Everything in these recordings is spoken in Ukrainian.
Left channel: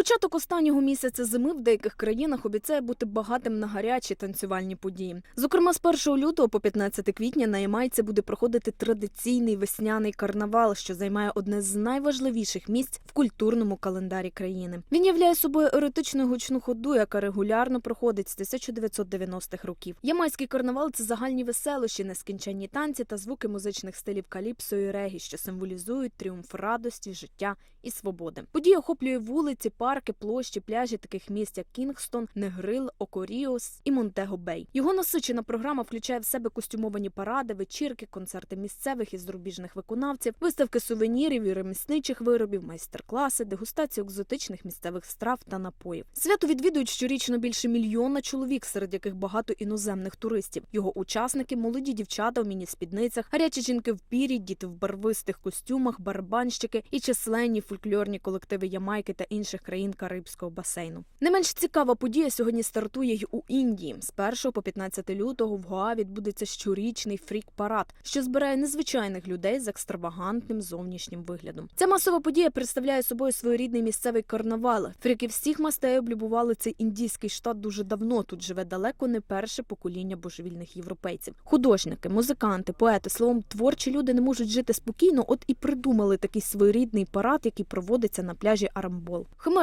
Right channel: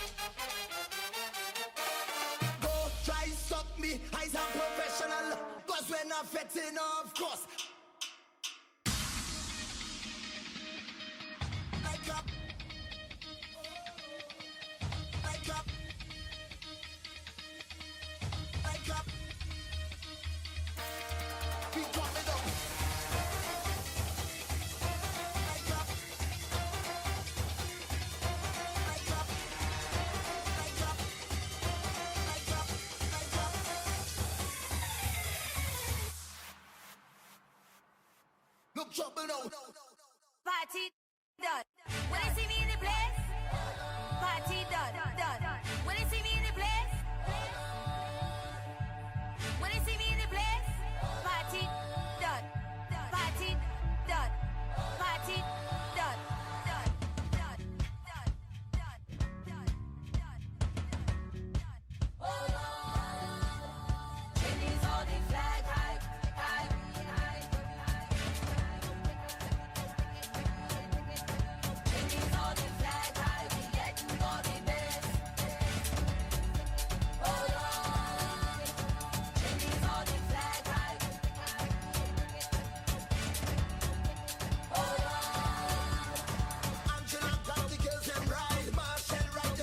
Початок останнього місяця зими в деяких країнах обіцяє бути багатим на гарячі танцювальні події. Зокрема, з 1 лютого по 15 квітня на Ямайці буде проходити традиційний весняний карнавал, що займає одне з найважливіших місць в культурному календарі країни. Він являє собою еротичну гучну ходу, яка регулярно проходить з 1990-х років. Ямайський карнавал це загальні веселощі, нескінченні танці та звуки музичних стилів каліпсо і регі, що символізують тріумф радості, життя і свободи. Подія охоплює вулиці, парки, площі, пляжі таких місць, як Кінгстон, Негрил, Окоріос і Монтего Бей. Його насичена програма включає в себе костюмовані паради, вечірки, концерти місцевих і зарубіжних виконавців, виставки сувенірів і ремісничих виробів, майстер-класи, дегустацію екзотичних місцевих страв та напоїв. Свято відвідують щорічно більше мільйона чоловік, серед яких багато іноземних туристів. Його учасники молоді дівчата в міні-спідницях, гарячі жінки в пірі, діти в барвистих костюмах, барабанщики і численні фольклорні колективи Ямайки та інших країн Карибського басейну. Не менш цікава подія сьогодні стартує й у Індії. З 1 по 15 лютого в Гоа відбудеться щорічний фрік-парад, що збирає незвичайних людей з екстравагантним зовнішнім виглядом. Ця масова подія представляє собою своєрідний місцевий карнавал. Фріки всіх мастей облюбували цей індійський штат дуже давно. Тут живе далеко не перше покоління божевільних європейців. Художники, музиканти, поети, словом, творчі люди не можуть жити спокійно, от і придумали такий своєрідний парад, який проводиться на пляжі Арамбол.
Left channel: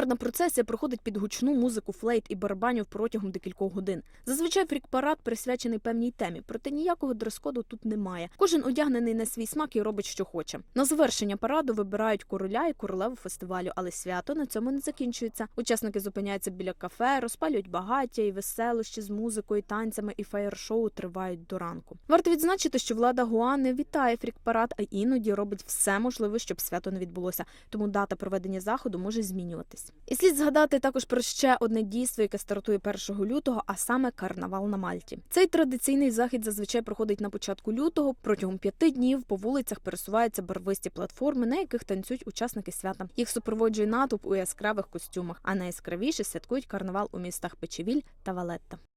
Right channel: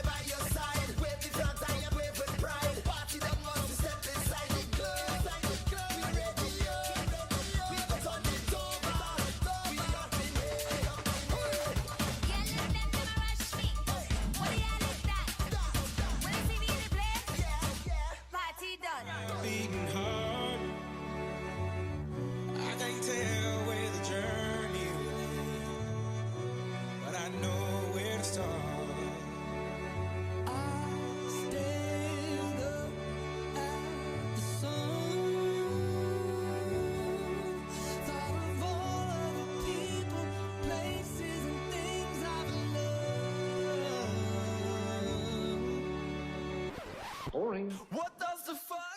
Камерна процесія проходить під гучну музику флейт і барабанів протягом декількох годин. Зазвичай фрік-парад присвячений певній темі, проте ніякого дрес-коду тут немає. Кожен одягнений на свій смак і робить, що хоче. На завершення параду вибирають короля і королеву фестивалю, але свято на цьому не закінчується. Учасники зупиняються біля кафе, розпалюють багаття і веселощі з музикою, танцями і феєр-шоу тривають до ранку. Варто відзначити, що влада Гуа не вітає фрік-парад, а іноді робить все можливе, щоб свято не відбулося. Тому дата проведення заходу може змінюватися. І слід згадати також про ще одне дійство, яке стартує 1 лютого, а саме карнавал на Мальті. Цей традиційний захід зазвичай проходить на початку лютого. Протягом п'яти днів по вулицях пересуваються барвисті платформи, на яких танцюють учасники свята. Їх супроводжує натовп у яскравих костюмах, а найяскравіше святкують карнавал у містах Печевіль та Валетта.